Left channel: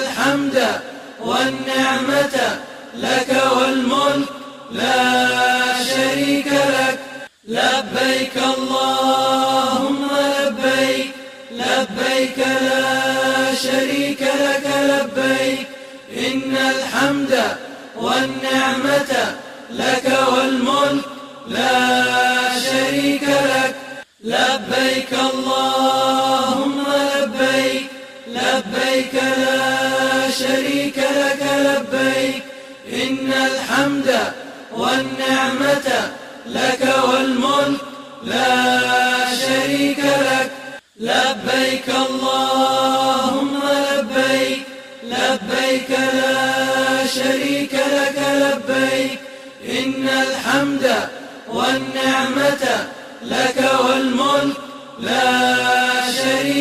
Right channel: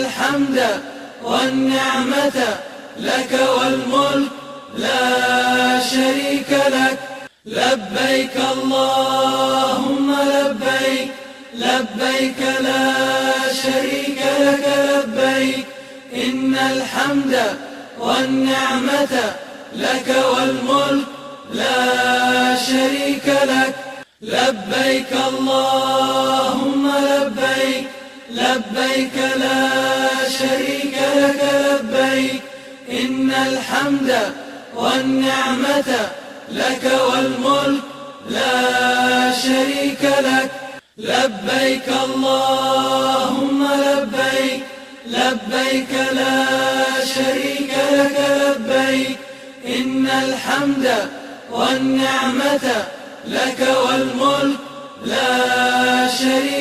الحمد والنعمة لك والملك لا شريك لك. لبيك اللهم لبيك، لبيك لا شريك لك لبيك، إن الحمد والنعمة لك والملك لا شريك لك. لبيك اللهم لبيك، لبيك لا شريك لك لبيك، إن الحمد والنعمة لك والملك لا شريك لك. لبيك اللهم لبيك، لبيك لا شريك لك لبيك، إن الحمد والنعمة لك والملك لا شريك